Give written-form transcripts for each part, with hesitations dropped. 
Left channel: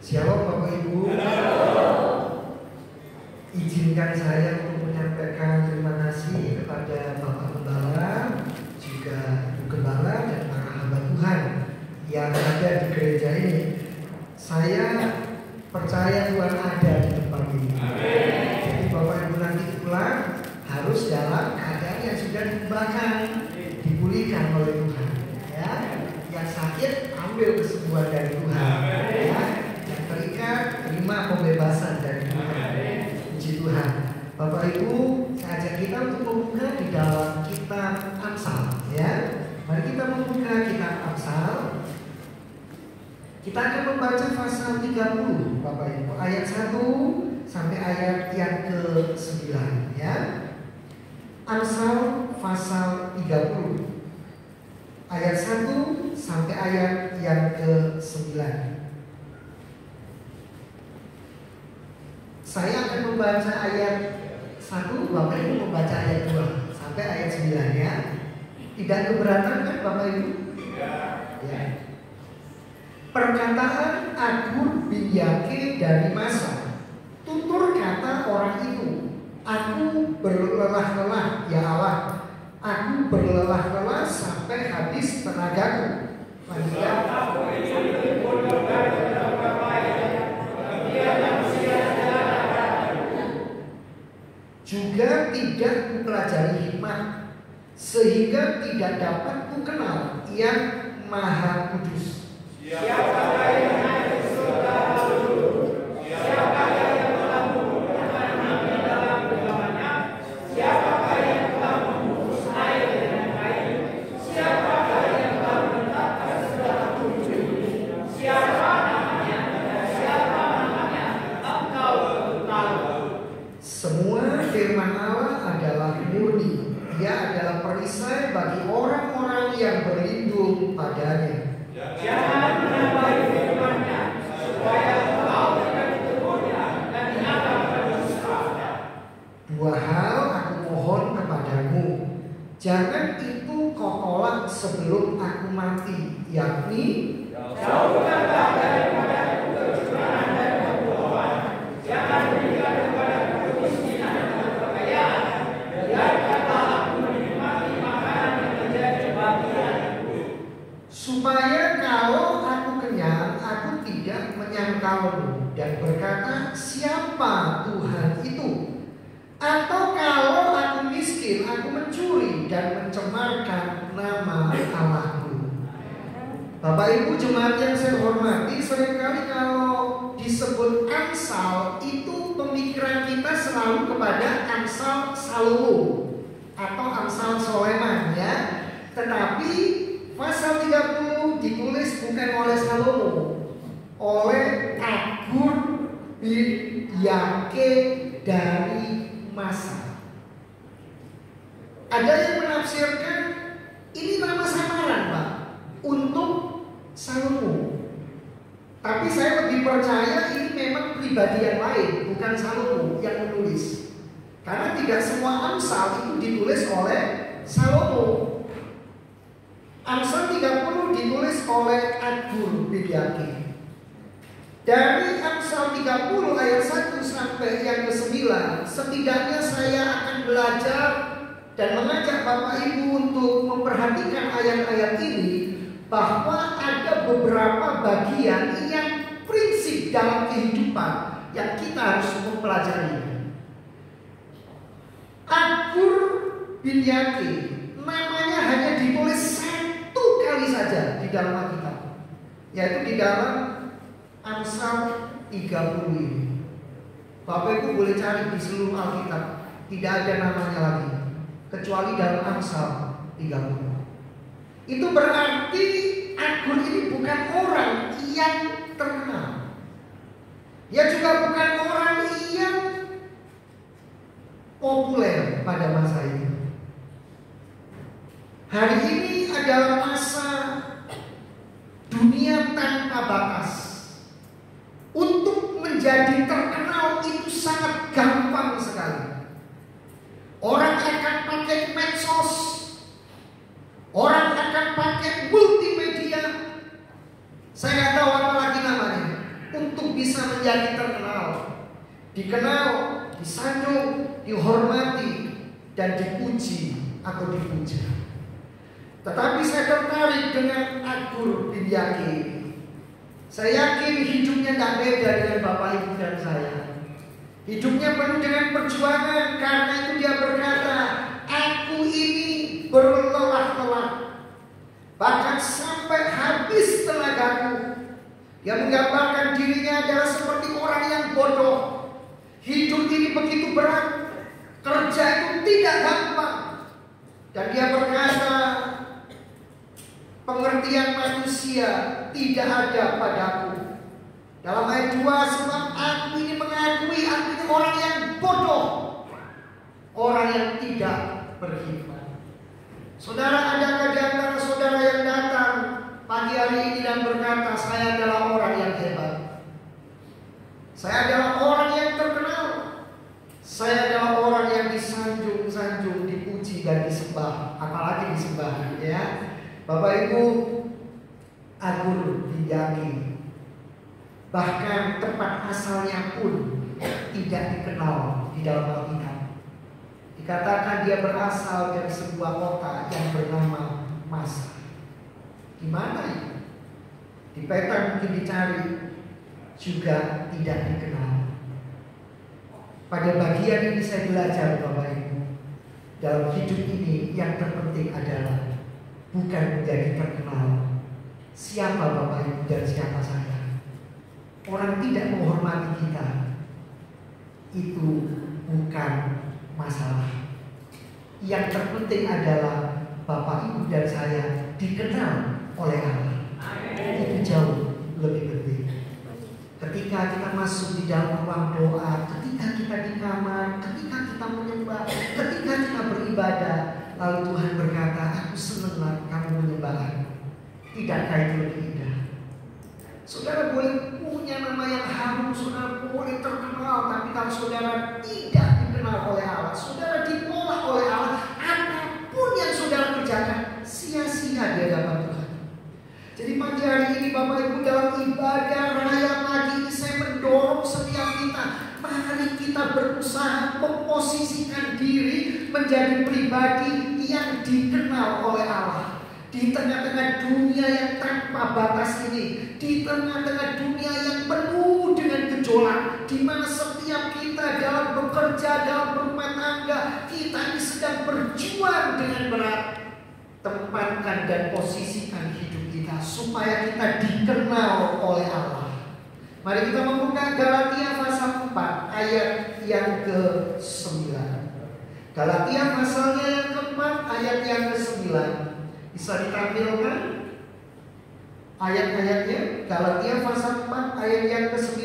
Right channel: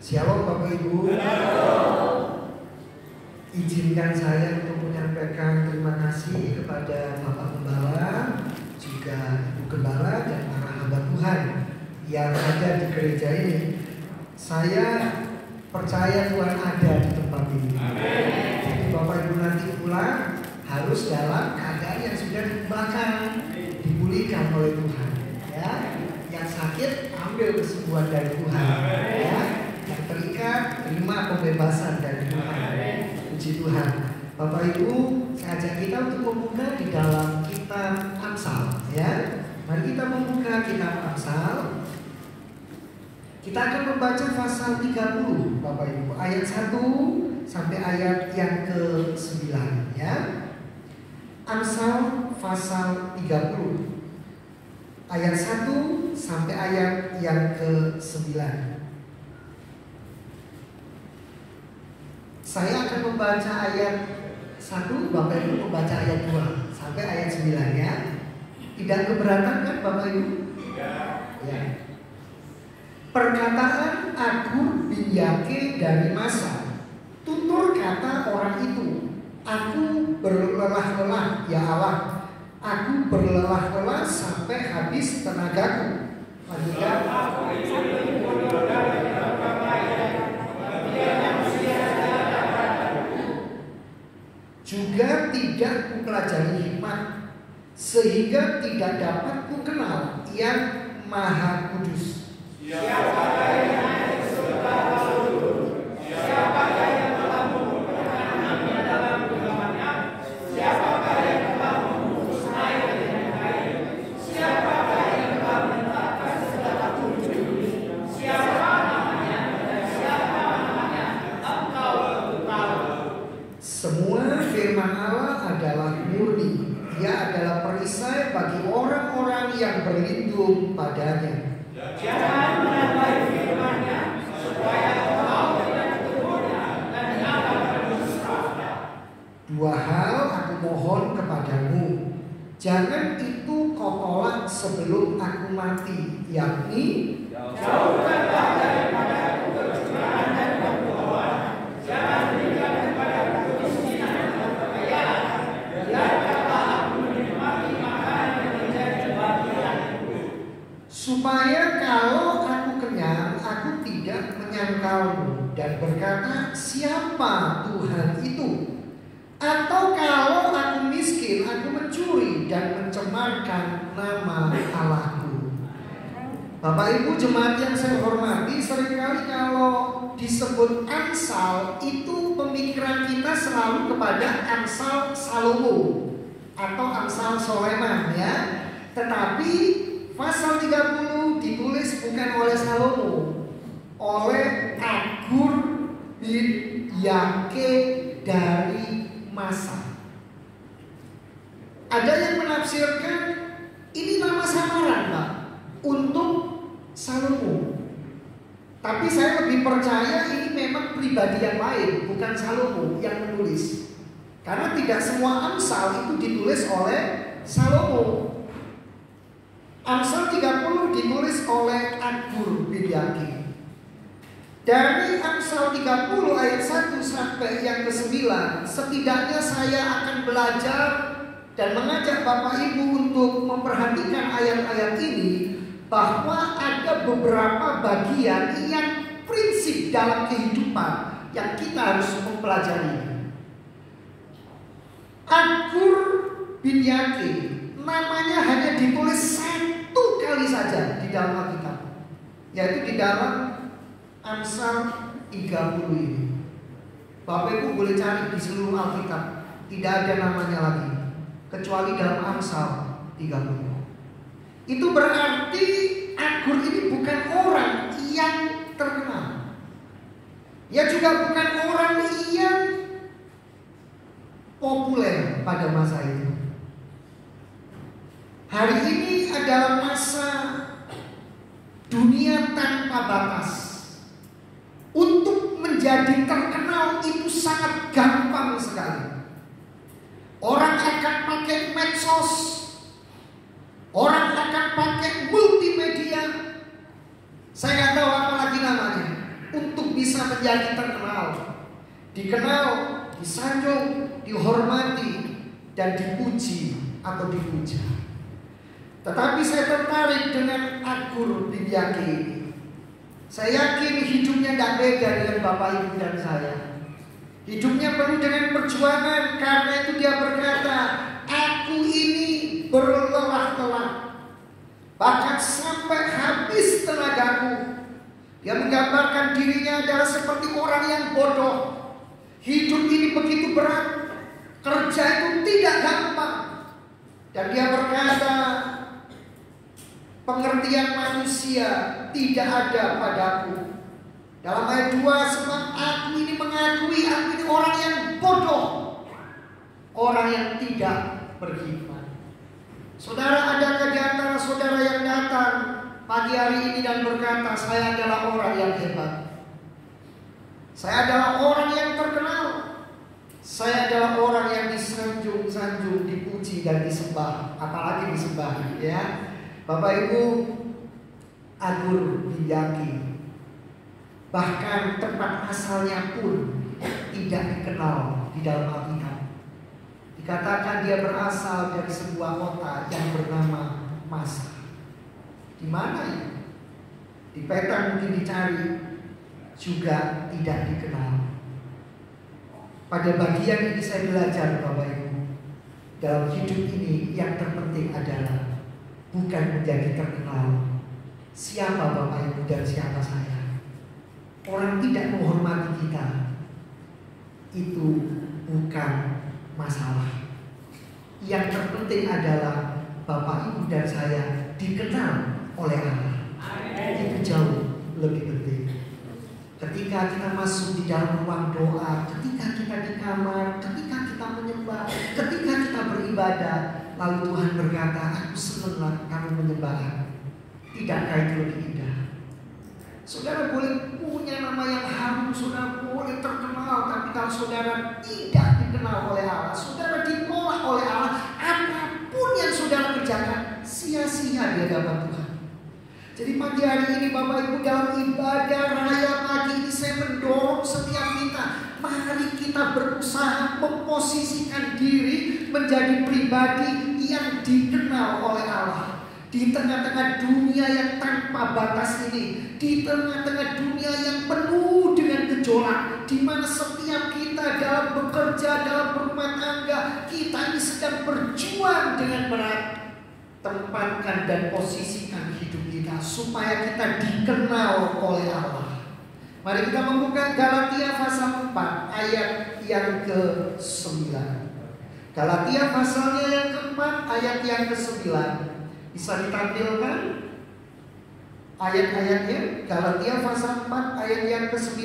Shalom Bapak Ibu. Izinkan saya untuk menyampaikan terima kasih kepada Bapak Gembala, juga Ibu Gembala dan para hamba Tuhan yang ada di gereja ini. Saya percaya Tuhan ada di tempat ini. Jadi Bapak Ibu nanti pulang harus dalam keadaan yang sudah dikembangkan, dipulihkan oleh Tuhan. Ya, yang sakit ambil kesembuhan dari Tuhan. Ya, yang terikat terima pembebasan dari Tuhan. Puji Tuhan. Bapak Ibu, saya ajak kita untuk membuka di dalam kitab Amsal. Ya, mari kita membuka kitab Amsal. Kita akan membaca pasal 30, Bapak Ibu, ayat 1 sampai ayat yang ke-9, ya. Amsal pasal 30 ayat 1 sampai ayat yang ke-9. Saya akan membaca ayat 1, Bapak Ibu membaca ayat 2 sampai ayat 9, ya. Tidak keberatan kan Bapak Ibu? Ya. Perkataan Agur bin Yake dari Masa. Tutur kata orang itu, aku berlelah-lelah, ya Allah, aku berlelah-lelah sampai habis tenagaku. Juga tidak mempelajari hikmat, sehingga tidak dapat kukenal yang Maha Kudus. Siapakah yang naik ke surga lalu? Siapakah yang telah mengumpulkan kami dalam genggamannya? Siapakah yang telah membungkus air dengan kain? Siapakah yang telah menetapkan segala tujuh? Siapa namanya dan siapa namanya? Engkau tahu. Semua firman Allah adalah murni. Ia adalah perisai bagi orang-orang yang berlindung padanya. Jangan menambahi firman-Nya, supaya engkau tidak tergoda dan akan berdusta. Dua hal aku mohon kepadamu, jangan itu kau tolak sebelum aku mati, yakni jauhkanlah daripada kecurahan dan kebohongan, jangan berikan kepadaku kemiskinan dan kekayaan, biarkanlah aku menikmati makanan yang menjadi bagianku, supaya kalau aku kenyang, aku tidak menyangkalmu dan berkata, siapa Tuhan itu? Atau kalau aku miskin, aku mencuri dan mencemarkan nama Allahku. Bapak Ibu jemaat yang saya hormati, seringkali kalau disebut Amsal, itu pemikiran kita selalu kepada Amsal Salomo atau Amsal Soleman, ya. Tetapi pasal 30 ditulis bukan oleh Salomo, oleh Agur bin Yake dari Masa. Ada yang menafsirkan ini nama samaran, Pak, untuk Salomo. Tapi saya lebih percaya ini memang pribadi yang lain, bukan Salomo yang menulis. Karena tidak semua Amsal itu ditulis oleh Salomo. Amsal 30 ditulis oleh Agur bin Yake. Dari Amsal 30 ayat 1 sampai yang ke-9, setidaknya saya akan belajar dan mengajak Bapak Ibu untuk memperhatikan ayat-ayat ini, bahwa ada beberapa bagian yang prinsip dalam kehidupan yang kita harus mempelajari. Agur bin Yake namanya hanya ditulis satu kali saja di dalam Alkitab, yaitu di dalam Amsal 30 ini. Bapak Ibu boleh cari di seluruh Alkitab, tidak ada namanya lagi kecuali dalam Amsal 30. Itu berarti Agur ini bukan orang yang terkenal. Ia juga bukan orang yang populer pada masa itu. Hari ini adalah masa dunia tanpa batas. Untuk menjadi terkenal itu sangat gampang sekali. Orang akan pakai medsos, orang akan pakai multimedia. Saya nggak tahu apa lagi namanya untuk bisa menjadi terkenal, dikenal, disanjung, dihormati, dan dipuji atau dipuja. Tetapi saya tertarik dengan Agur bin Yaki. Saya yakin hidupnya tidak beda dengan Bapak Ibu dan saya. Hidupnya penuh dengan perjuangan. Karena itu dia berkata, aku ini berlelah-lelah, bahkan sampai habis tenagaku. Dia menggambarkan dirinya adalah seperti orang yang bodoh. Hidup ini begitu berat, kerja itu tidak gampang. Dan dia berkata, pengertian manusia tidak ada padaku. Dalam ayat 2, sebab aku ini mengakui aku ini orang yang bodoh, orang yang tidak berhikmat. Saudara, adakah di antara saudara yang datang pagi hari ini dan berkata, saya adalah orang yang hebat, saya adalah orang yang terkenal, saya adalah orang yang disanjung-sanjung, dipuji dan disembah, apalagi disembah, ya. Bapak Ibu, Agur bin Yaki bahkan tempat asalnya pun tidak dikenal di dalam Alkitab. Dikatakan dia berasal dari sebuah kota yang bernama Masa. Di mana itu? Di peta mungkin dicari, juga tidak dikenal. Pada bagian ini saya belajar, Bapak Ibu, dalam hidup ini yang terpenting adalah bukan menjadi terkenal. Siapa Bapak Ibu dan siapa saya? Orang tidak menghormati kita, itu bukan masalah. Yang terpenting adalah Bapak Ibu dan saya dikenal oleh Allah. Itu jauh lebih penting. Ketika kita masuk di dalam ruang doa, ketika kita di kamar, ketika kita menyembah, ketika kita beribadah, lalu Tuhan berkata, aku senang kamu menyembah aku. Tidakkah itu lebih indah? Saudara boleh punya nama yang harum, saudara boleh terkenal, tapi kalau saudara tidak dikenal oleh Allah, saudara ditolak oleh Allah, apapun yang saudara kerjakan sia-sia di hadapan Tuhan. Jadi pagi hari ini Bapak Ibu, dalam ibadah raya pagi ini saya mendorong setiap kita, mari kita berusaha memposisikan diri menjadi pribadi yang dikenal oleh Allah. Di tengah-tengah dunia yang tanpa batas ini, di tengah-tengah dunia yang penuh dengan gejolak, di mana setiap kita dalam bekerja, dalam berumah tangga, kita ini sedang berjuang dengan berat. Tempatkan dan posisikan hidup kita supaya kita dikenal oleh Allah. Mari kita membuka Galatia pasal 4 ayat yang ke-9. Galatia pasalnya yang ke-4 ayat yang ke-9. Bisa ditampilkan ayat-ayatnya. Galatia pasal 4 ayat yang ke-9.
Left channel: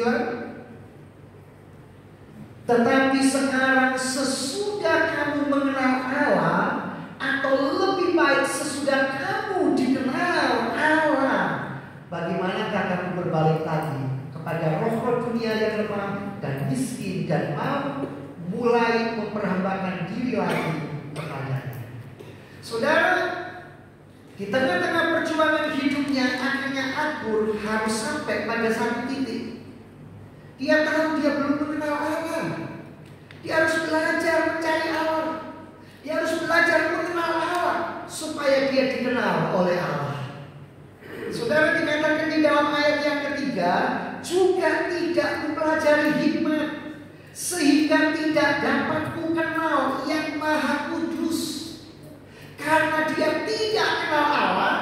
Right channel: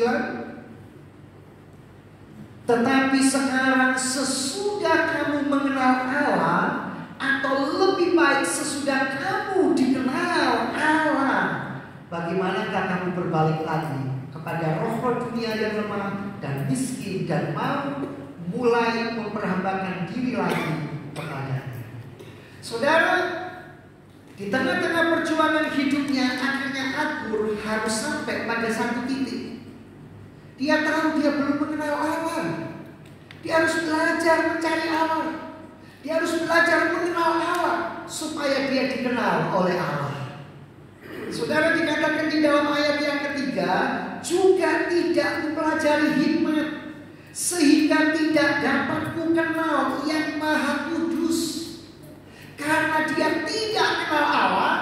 Tetapi sekarang sesudah kamu mengenal Allah, atau lebih baik sesudah kamu dikenal Allah, bagaimanakah kamu berbalik lagi kepada roh dunia yang lemah dan miskin dan mau mulai memperhambakan diri lagi kepadanya. Saudara, di tengah-tengah perjuangan hidupnya, akhirnya Agur harus sampai pada satu titik. Dia tahu dia belum mengenal Allah. Dia harus belajar mencari Allah. Dia harus belajar mengenal Allah supaya dia dikenal oleh Allah. Saudara, dikatakan di dalam ayat yang ketiga, juga tidak mempelajari hikmat, sehingga tidak dapat mengenal yang Maha Kudus. Karena dia tidak kenal Allah,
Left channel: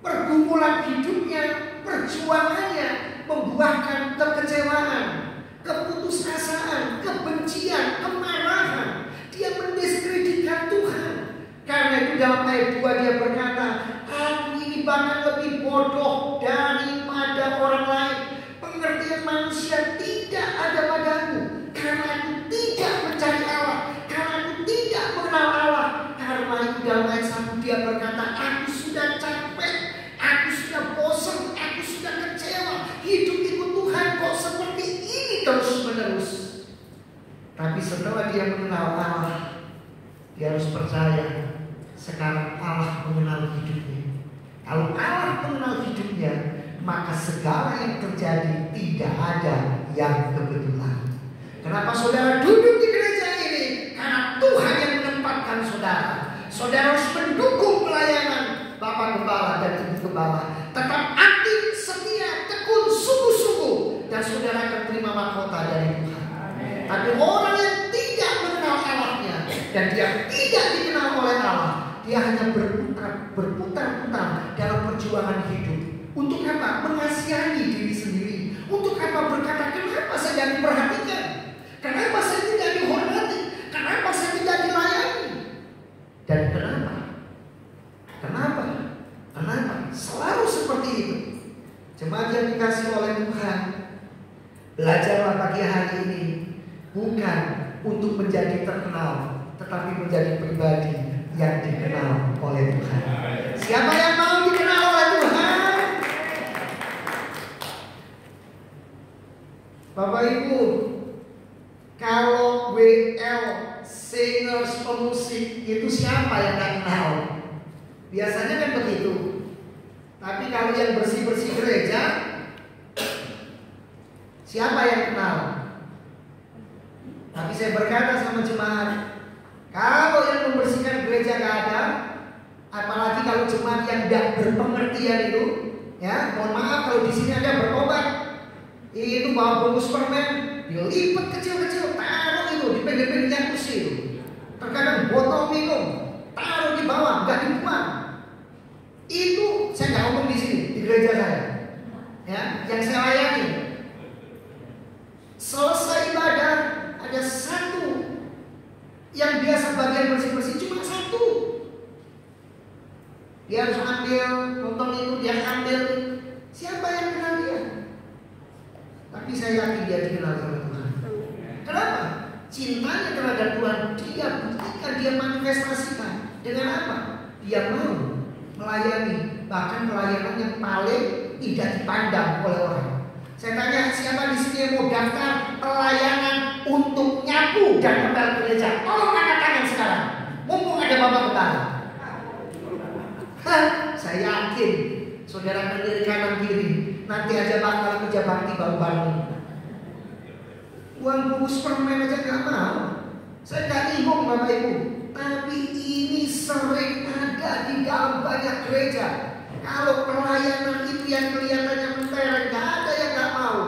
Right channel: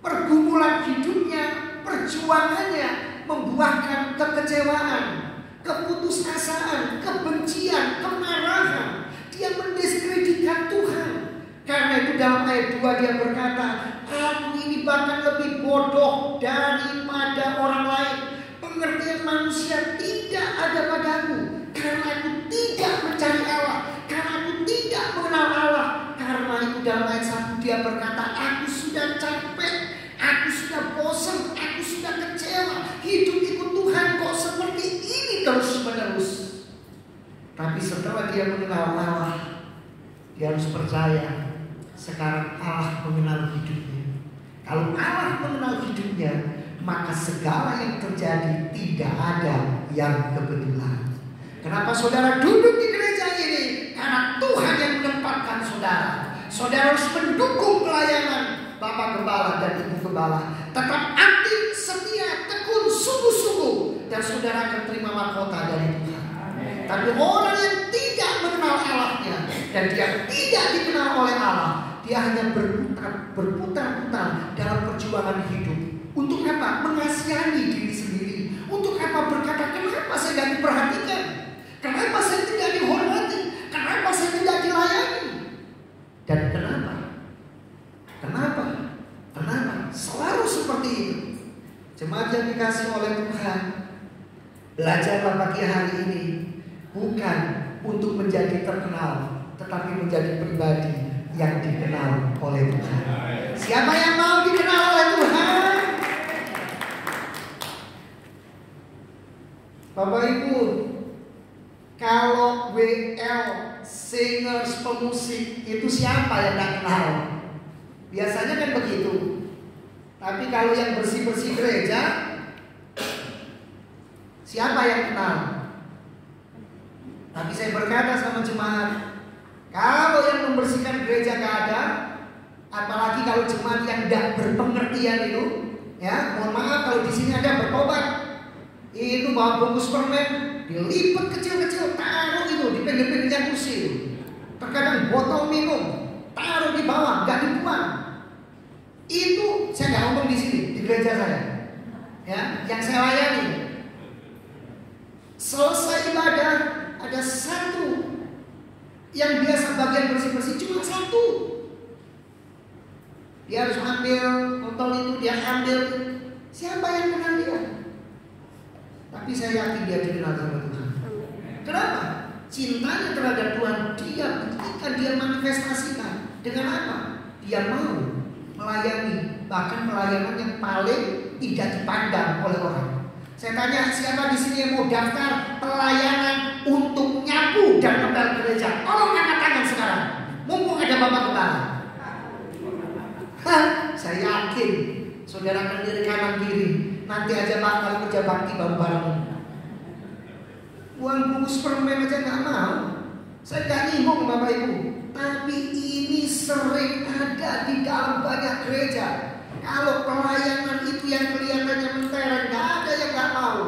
pergumulan hidupnya, perjuangannya membuahkan kekecewaan, keputusasaan, kebencian, kemarahan. Dia mendiskreditkan Tuhan. Karena itu dalam ayat 2 dia berkata, aku ini bahkan lebih bodoh daripada orang lain. Pengertian manusia tidak ada padaku, karena aku tidak mencari Allah, karena aku tidak mengenal Allah. Karena itu dalam ayat 1 dia berkata, aku sudah capek, aku sudah bosan, aku sudah kecewa. Hidup ikut Tuhan kok seperti ini terus menerus. Tapi setelah dia mengenal Allah, dia harus percaya sekarang Allah mengenal hidupnya. Kalau Allah mengenal hidupnya, maka segala yang terjadi tidak ada yang kebetulan. Kenapa saudara duduk di gereja ini? Karena Tuhan yang menempatkan saudara. Saudara harus mendukung pelayanan Bapak Gembala dan Ibu Gembala. Tetap aktif, setia, tekun, sungguh-sungguh, dan saudara akan terima mahkota dari Tuhan. Tapi orang yang tidak mengenal Allahnya dan dia tidak dikenal oleh Allah, dia hanya berputar-putar dalam perjuangan hidup. Untuk apa? Mengasihani diri sendiri. Untuk apa? Berkata, kenapa saya tidak diperhatikan? Kenapa saya tidak dihormati? Kenapa saya tidak dilayani? Dan kenapa? Kenapa? Selalu seperti itu. Jemaat yang dikasih oleh Tuhan, belajarlah pagi hari ini bukan untuk menjadi terkenal, tetapi menjadi pribadi yang dikenal oleh Tuhan. Siapa yang mau dikenal oleh Tuhan? Bapak Ibu, kalau WL singers, pemusik, itu siapa yang tak kenal? Biasanya kan begitu. Tapi kalau yang bersih-bersih gereja, siapa yang kenal? Tapi saya berkata sama jemaat, kalau yang membersihkan gereja gak ada, apalagi kalau jemaat yang tidak berpengertian itu, ya, mohon maaf kalau di sini ada bertobat, itu bawa bungkus permen, dilipat kecil-kecil, taruh itu di pinggir-pinggirnya kursi. Terkadang botol minum, taruh di bawah, nggak dibuang. Itu saya nggak ngomong di sini, di gereja saya, ya, yang saya layani. Selesai ibadah, ada satu yang biasa bagian bersih-bersih, cuma satu. Dia harus ambil botol itu, dia ambil. Siapa yang kenal dia? Tapi saya yakin dia dikenal oleh Tuhan. Kenapa? Cintanya terhadap Tuhan dia buktikan, dia manifestasikan. Dengan apa? Dia mau melayani, bahkan pelayanan yang paling tidak dipandang oleh orang. Saya tanya, siapa di sini yang mau daftar pelayanan untuk nyapu dan ngepel gereja? Tolong angkat tangan sekarang. Mumpung ada Bapak Kepala. Saya yakin saudara berdiri kanan kiri, nanti aja bakal kerja bakti bareng-bareng. Uang bungkus permen aja nggak mau. Saya nggak nyinggung Bapak Ibu, tapi ini sering ada di dalam banyak gereja. Kalau pelayanan itu yang kelihatannya mentereng, nggak ada yang nggak mau.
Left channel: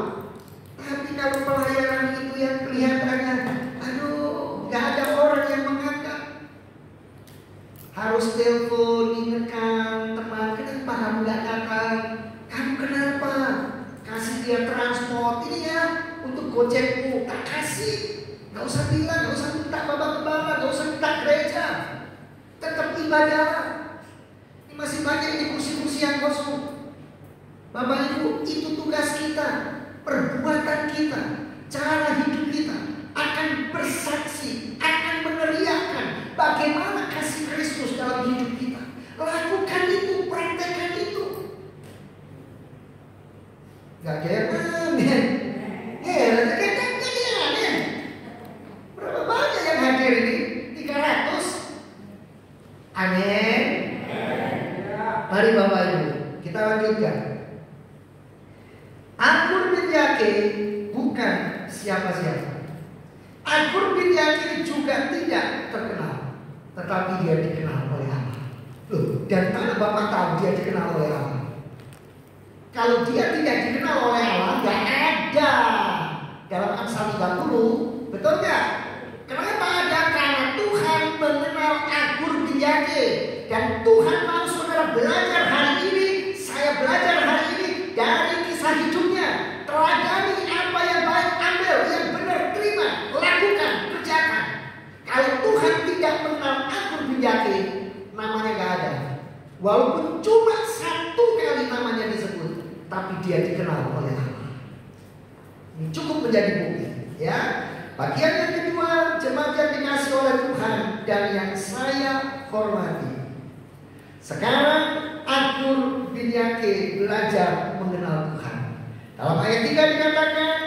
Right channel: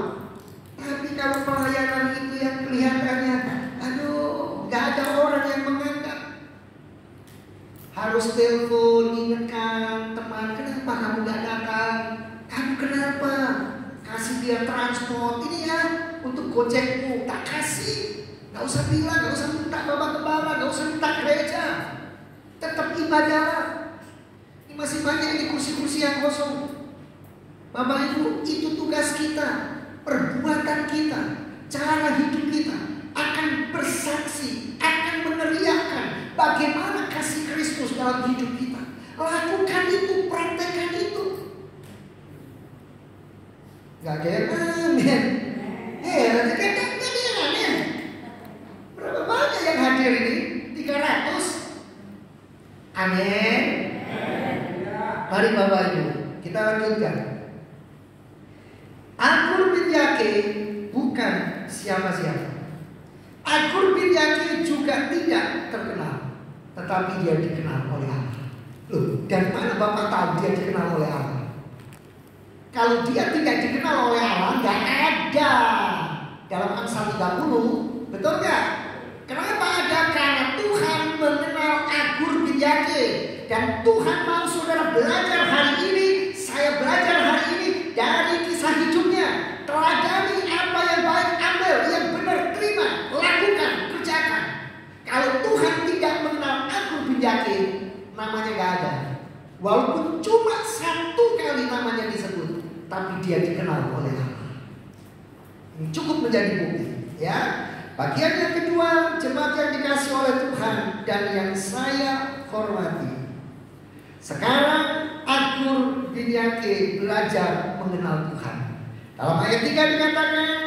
Tapi kalau pelayanan itu yang kelihatannya, aduh, nggak ada orang yang mengangkat. Harus telepon, ingatkan teman, kenapa kamu nggak datang? Kamu kenapa? Kasih dia transport ini ya untuk gojekmu, tak kasih. Nggak usah bilang, nggak usah minta Bapak Kepala, nggak usah minta gereja. Tetap ibadahlah. Ini masih banyak di kursi-kursi yang kosong. Bapak Ibu, itu tugas kita. Perbuatan kita, cara hidup kita akan bersaksi, akan meneriakkan bagaimana kasih Kristus dalam hidup kita. Lakukan itu, praktekkan itu. Gak kayak amin. Berapa banyak yang hadir ini? 300. Amin. Mari Bapak Ibu, kita lanjutkan. Agur bin Yake bukan siapa-siapa. Agur bin Yake juga tidak terkenal, tetapi dia dikenal oleh Allah. Loh, dari mana Bapak tahu dia dikenal oleh Allah? Kalau dia tidak dikenal oleh Allah, nggak ada dalam Amsal 30, betul nggak? Kenapa ada? Karena Tuhan mengenal Agur bin Yake, dan Tuhan mau saudara belajar hari ini. Saya belajar hari ini dari kisah hidupnya. Teladani apa yang baik, ambil yang benar, terima, lakukan, kerjakan. Kalau Tuhan tidak mengenal Agur bin Yake, namanya nggak ada. Walaupun cuma satu kali namanya disebut, tapi dia dikenal oleh Allah. Ini cukup menjadi bukti, ya. Bagian yang kedua, jemaat yang dikasih oleh Tuhan dan yang saya hormati. Sekarang Agur bin Yake belajar mengenal Tuhan. Dalam ayat 3 dikatakan,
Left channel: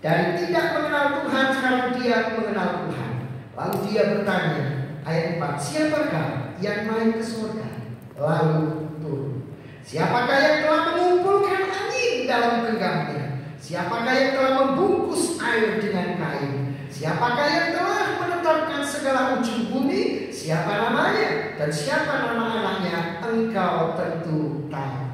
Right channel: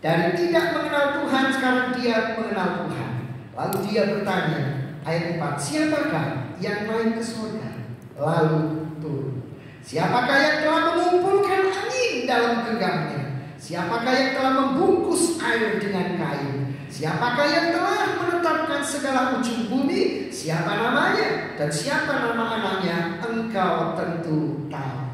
dari tidak mengenal Tuhan sekarang dia mengenal Tuhan. Lalu dia bertanya, ayat 4, siapakah yang naik ke surga lalu turun? Siapakah yang telah mengumpulkan angin dalam genggamnya? Siapakah yang telah membungkus air dengan kain? Siapakah yang telah menetapkan segala ujung bumi? Siapa namanya dan siapa nama anaknya? Engkau tentu tahu.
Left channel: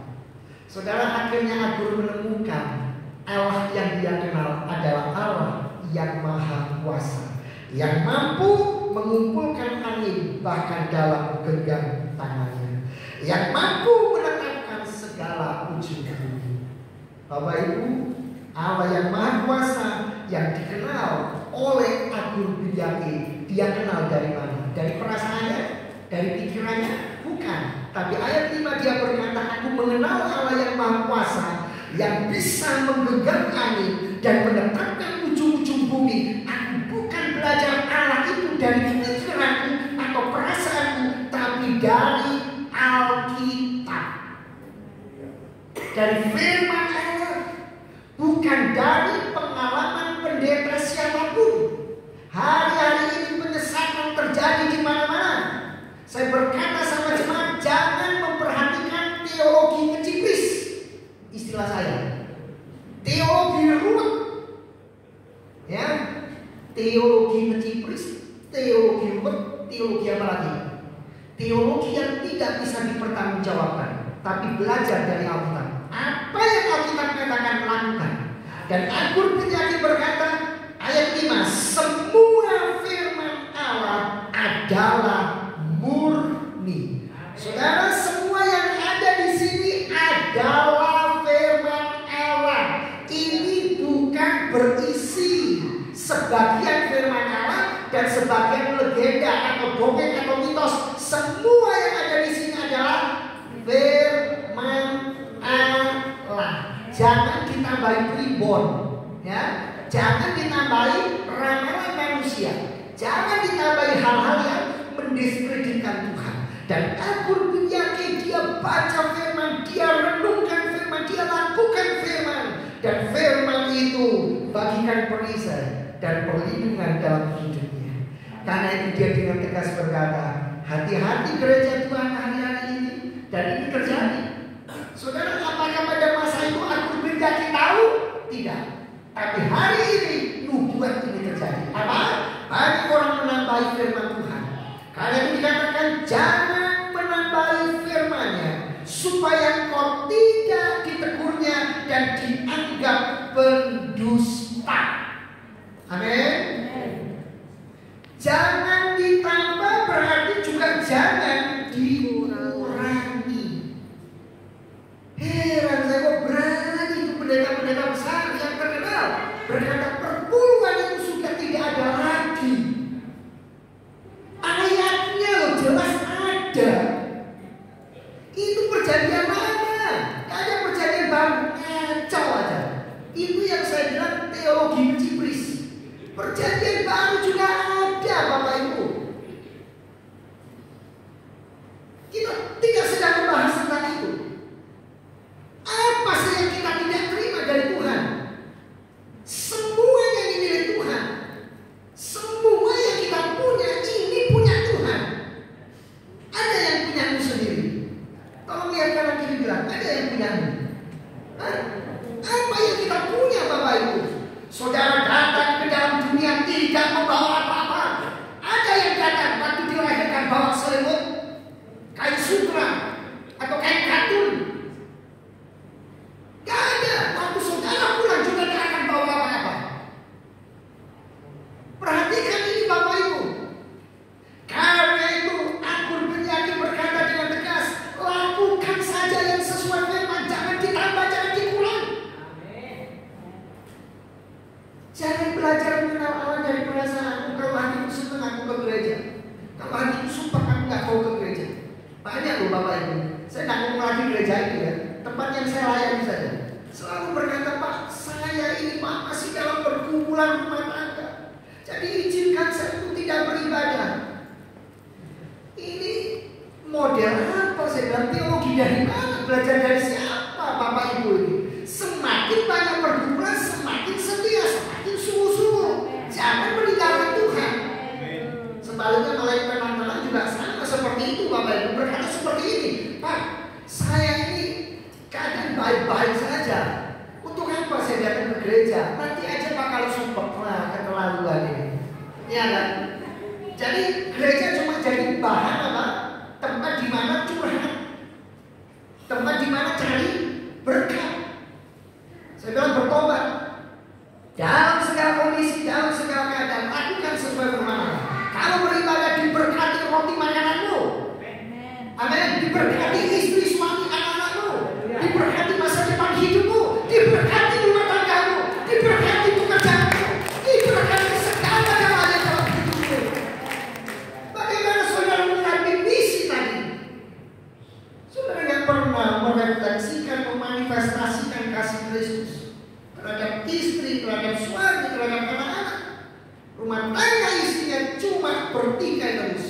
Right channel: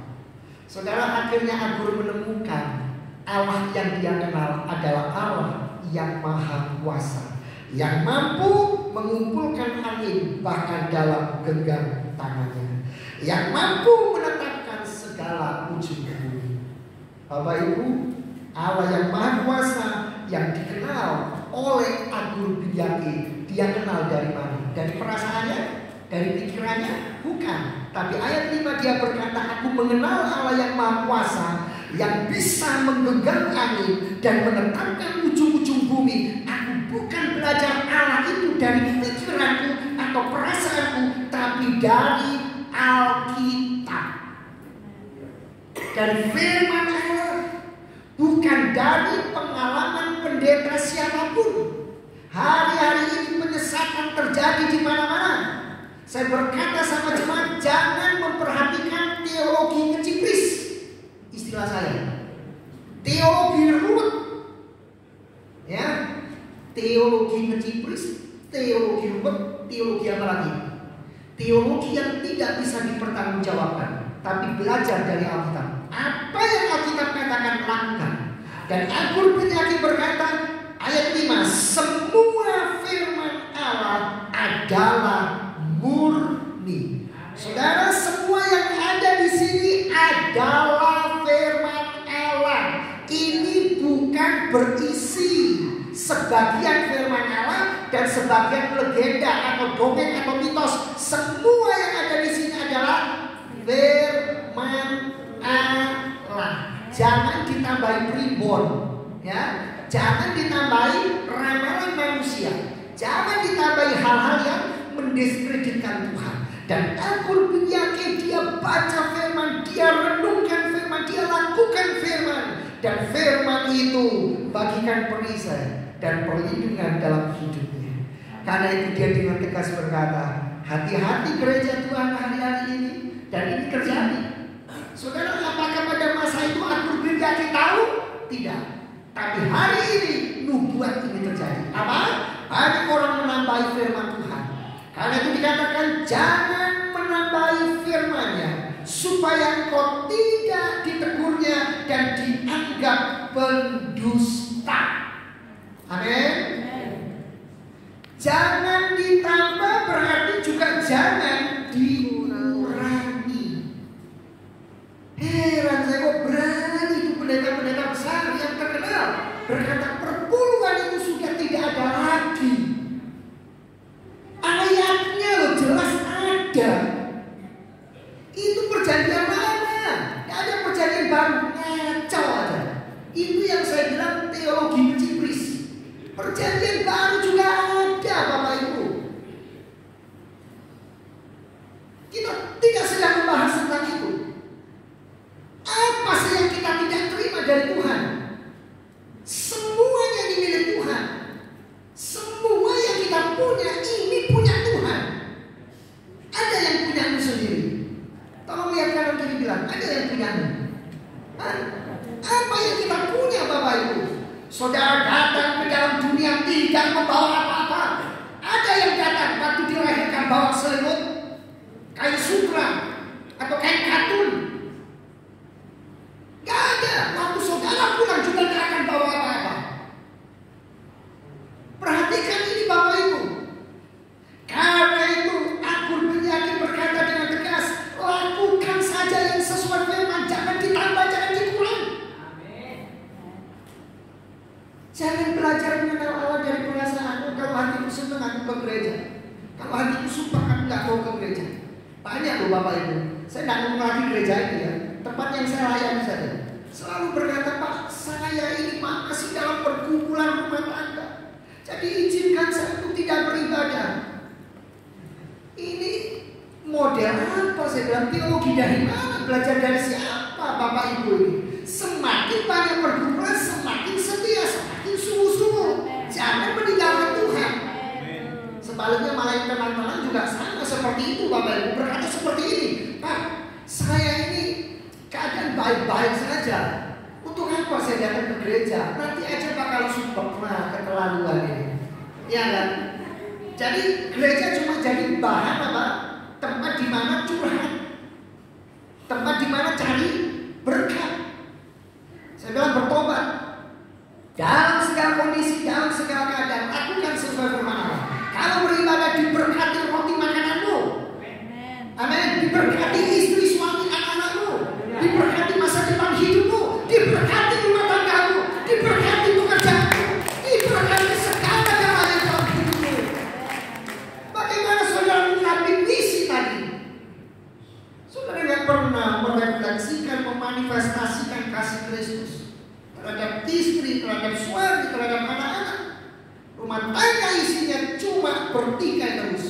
Saudara, akhirnya Agur menemukan Allah yang dia kenal adalah Allah yang maha kuasa, yang mampu mengumpulkan angin bahkan dalam genggam tangannya, yang mampu menetapkan segala ujung bumi. Bapak Ibu, Allah yang maha kuasa yang dikenal oleh Agur Binyaki, dia kenal dari mana? Dari perasaannya? Dari pikirannya? Bukan. Tapi ayat 5 dia berkata, aku mengenal Allah yang maha kuasa, yang bisa menggenggam angin dan menetapkan ujung-ujung bumi. Aku bukan belajar Allah itu dari pikiranku atau perasaanku, tapi dari Alkitab, dari firman Allah, bukan dari pengalaman pendeta siapapun. Hari-hari ini penyesatan terjadi di mana-mana. Saya berkata sama jemaat, jangan memperhatikan teologi kecipris. Istilah saya, teologi ruwet, ya, teologi kecipris, teologi ruwet, teologi apa lagi? Teologi yang tidak bisa dipertanggungjawabkan, tapi belajar dari Alkitab. Apa yang Alkitab katakan lakukan. Dan Agur Binyaki berkata, ayat 5, semua firman Allah adalah murni. Saudara, semua yang ada di sini adalah firman Allah. Ini bukan berisi sebagian firman Allah dan sebagian legenda atau dongeng atau mitos. Semua yang ada di sini adalah firman Allah. Jangan ditambahi primbon, ya. Jangan ditambahi ramalan manusia. Jangan ditambahi hal-hal yang mendiskreditkan Tuhan. Dan Agur Binyaki dia baca firman, dia renungkan firman, dia lakukan firman, dan firman itu bagikan perisai dan perlindungan dalam hidupnya. Karena itu dia dengan tegas berkata, hati-hati gereja Tuhan hari-hari ini. Dan ini terjadi. Saudara, apakah pada masa itu Agur Binyaki tahu? Tidak. Tapi hari ini nubuat ini terjadi. Apa? Banyak orang menambahi firman Tuhan. Karena itu dikatakan jangan menambahi firman-Nya, supaya engkau tidak ditegurnya dan dianggap pendusta. Amin. Jangan ditambah berarti juga jangan dikurangi. Heran saya kok berani itu pendeta-pendeta besar yang terkenal berkata perpuluhan itu sudah tidak ada lagi. Ayatnya loh jelas ada. Itu perjanjian lama, tidak ada perjanjian baru, ngaco aja. Itu yang saya bilang teologi kecipris. Perjanjian baru juga ada, Bapak Ibu. Kita tidak sedang membahas tentang itu. Apa sih yang kita tidak terima dari Tuhan? Semuanya dimiliki Tuhan. Semua yang kita punya ini punya Tuhan. Ada yang punya sendiri. Tolong lihat kanan kiri bilang, ada yang punya. Apa yang kita punya, Bapak Ibu? Saudara datang ke dalam dunia tidak membawa apa-apa. Ada yang datang waktu dilahirkan bawa selimut, kain sutra atau kain katun. Gak ada. Waktu saudara pulang juga tidak akan bawa apa-apa. Perhatikan ini, Bapak Ibu. Karena itu Agur Binyaki berkata dengan tegas, lakukan saja yang sesuai firman, jangan ditambah, jangan dikurang. Jangan belajar mengenal Allah dari perasaan. Kalau hatiku senang aku ke gereja, kalau hatiku sumpah aku nggak mau ke gereja. Banyak loh Bapak Ibu. Saya nggak ngomong lagi gereja ini ya, tempat yang saya layani saja. Selalu berkata, Pak, saya ini Pak masih dalam perkumpulan rumah tangga. Jadi izinkan saya untuk tidak beribadah. Ini model apa? Saya bilang teologi dari mana? Belajar dari siapa Bapak Ibu ini? Semakin banyak perkumpulan, semakin setia, semakin sungguh-sungguh. Jangan meninggalkan Tuhan. Sebaliknya malaikat teman-teman juga sama seperti itu, Bapak Ibu berkata seperti ini, Pak, saya ini gereja, nanti aja bakal support. Nah, keterlaluan ini. Ya kan? Jadi gereja cuma jadi bahan apa? Tempat di mana curhat. Tempat di mana cari berkat. Saya bilang bertobat. Dalam segala kondisi, dalam segala keadaan, lakukan sesuai firman Allah. Kalau beribadah diberkati roti makananmu. Amin. Diberkati istri, suami, anak-anakmu. Diberkati masa depan hidupmu. Diberkati rumah tanggamu. Diberkati pekerjaanmu. Diberkati segala galanya dalam hidupmu. Bagaimana saudara mengambil misi tadi? Saudara yang pernah merefleksikan, memanifestasikan kasih Kristus terhadap istri, terhadap suami, terhadap anak-anak. Rumah tangga isinya cuma bertikai terus.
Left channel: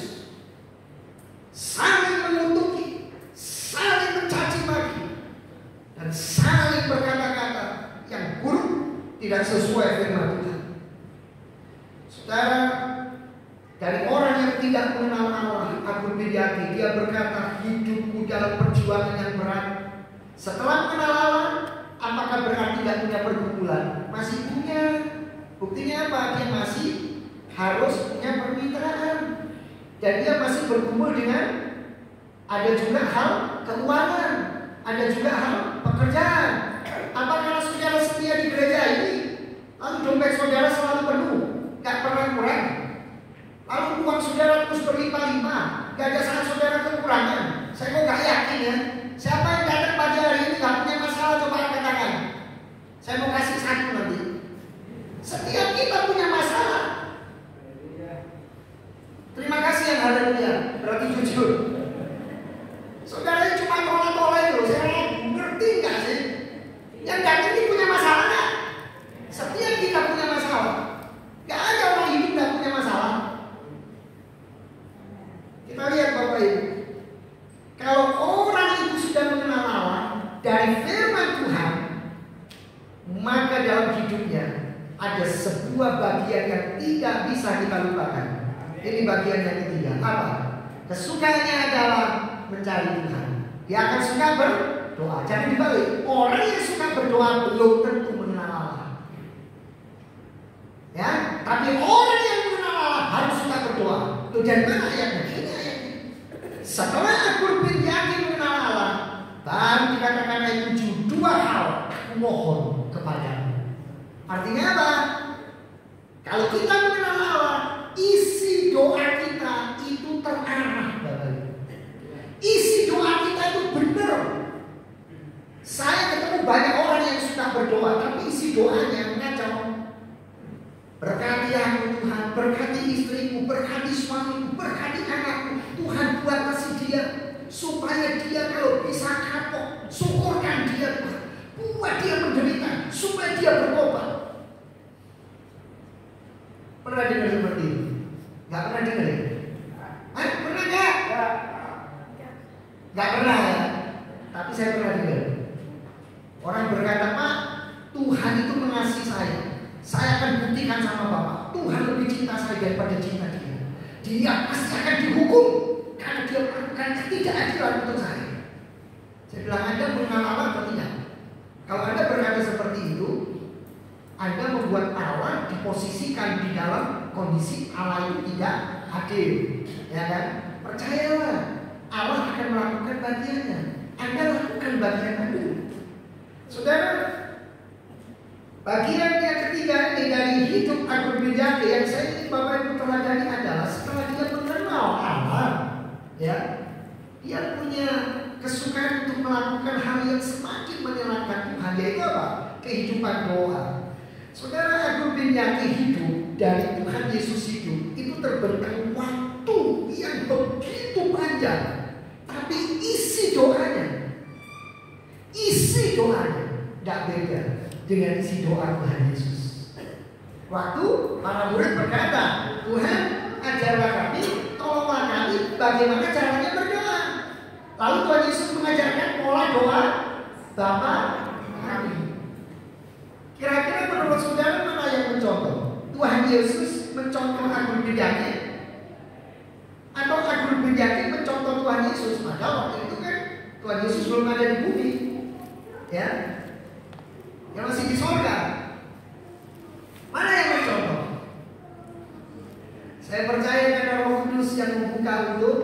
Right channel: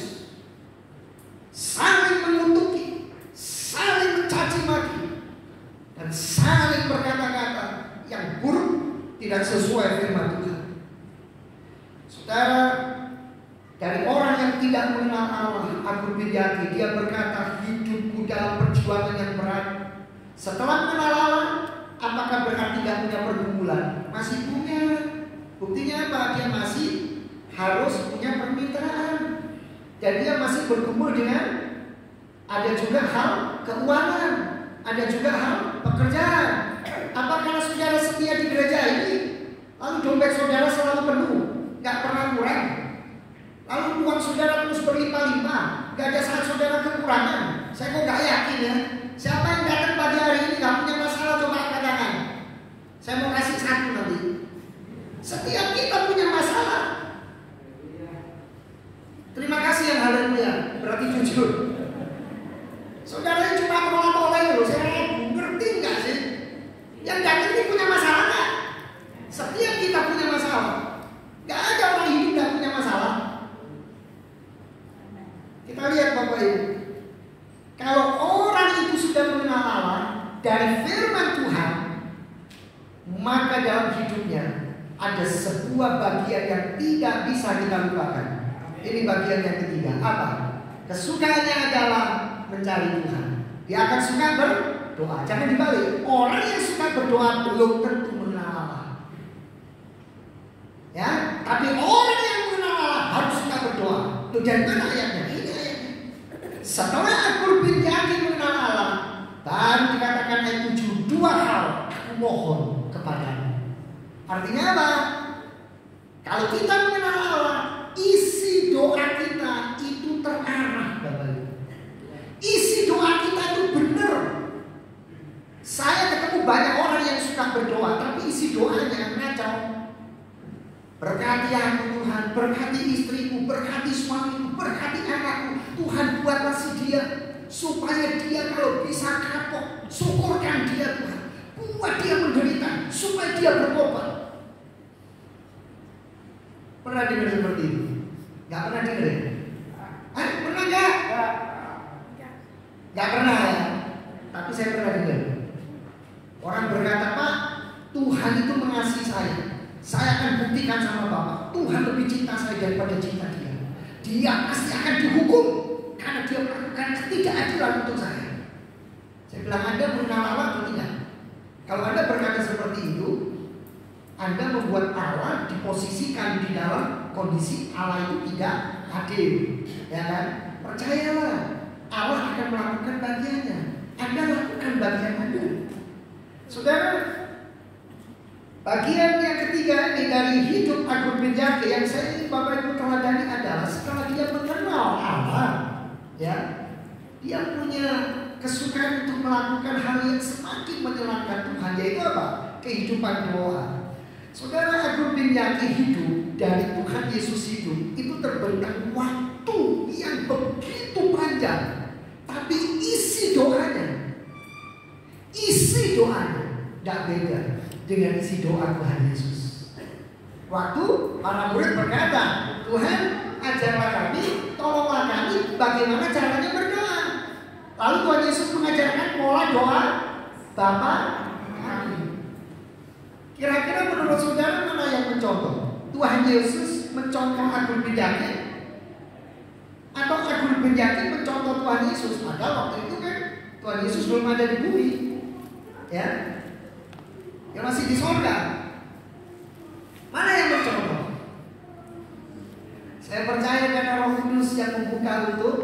Saling mengutuki, saling mencaci maki, dan saling berkata-kata yang buruk, tidak sesuai firman Tuhan. Saudara, dari orang yang tidak mengenal Allah, Agur Widyati, dia berkata, hidupku dalam perjuangan yang berat. Setelah mengenal Allah, apakah berarti gak punya pergumulan? Masih punya. Buktinya apa? Dia masih harus punya permintaan. Dan dia masih bergumul dengan ada juga hal keuangan, ada juga hal pekerjaan. Apakah saudara setia di gereja ini, lalu dompet saudara selalu penuh, gak pernah kurang? Lalu uang saudara terus berlimpah-limpah, gak ada saat saudara kekurangan? Saya kok gak yakin ya. Siapa yang datang pagi hari ini gak punya masalah, coba katakan. Saya mau kasih satu nanti. Setiap kita punya masalah. Terima kasih yang haleluya, berarti jujur. Saudara cuma tolak-tolak loh, saya ngerti nggak sih? Yang datang ini punya masalah nggak? Setiap kita punya masalah. Nggak ada orang hidup nggak punya masalah. Kita lihat Bapak Ibu. Kalau orang itu sudah mengenal Allah dari firman Tuhan, maka dalam hidupnya ada sebuah bagian yang tidak bisa kita lupakan. Ini bagian yang ketiga. Apa? Kesukaannya adalah mencari Tuhan. Dia akan suka berdoa. Jangan dibalik. Orang yang suka berdoa belum tentu mengenal Allah. Ya, tapi orang yang mengenal Allah harus suka berdoa. Itu dari mana ayatnya? Ini ayatnya. Setelah aku yakin mengenal Allah, dan dikatakan ayat 7, dua hal aku mohon kepadamu. Artinya apa? Kalau kita mengenal Allah, isi doa kita itu terarah, Bapak. Isi doa kita itu benar. Saya ketemu banyak orang yang suka berdoa, tapi isi doanya ngacau. Berkati aku Tuhan, berkati istriku, berkati suamiku, berkati anakku. Tuhan buat kasih dia, supaya dia kalau bisa kapok, syukurkan dia Tuhan. Buat dia menderita, supaya dia bertobat. Pernah dengar seperti ini? Gak pernah dengar ya? Pernah gak? Gak pernah ya? Tapi saya pernah dengar. Orang berkata, Pak, Tuhan itu mengasihi saya. Saya akan buktikan sama Bapak, Tuhan lebih cinta saya daripada cinta dia. Dia pasti akan dihukum karena dia melakukan ketidakadilan untuk saya. Saya bilang, Anda mengenal Allah atau tidak? Kalau Anda berkata seperti itu, Anda membuat Allah diposisikan di dalam kondisi Allah itu tidak adil, ya kan? Percayalah, Allah akan melakukan bagiannya. Anda lakukan bagian Anda. Saudara, bagian yang ketiga ini dari hidup Agur Widyati yang saya ingin Bapak Ibu teladani adalah setelah dia mengenal Allah, ya, dia punya kesukaan untuk melakukan hal yang semakin menyenangkan Tuhan, yaitu apa? Kehidupan doa. Saudara, Agur Widyati hidup dari Tuhan Yesus hidup itu terbentang waktu yang begitu panjang, tapi isi doanya tidak beda dengan isi doa Tuhan Yesus. Waktu para murid berkata, Tuhan ajarlah kami, tolonglah kami bagaimana caranya berdoa. Lalu Tuhan Yesus mengajarkan pola doa Bapa kami. Kira-kira menurut saudara mana yang mencontoh? Tuhan Yesus mencontoh Agur Widyati atau Agur Widyati mencontoh Tuhan Yesus? Padahal waktu itu kan Tuhan Yesus belum ada di bumi, ya, yang masih di sorga. muka untuk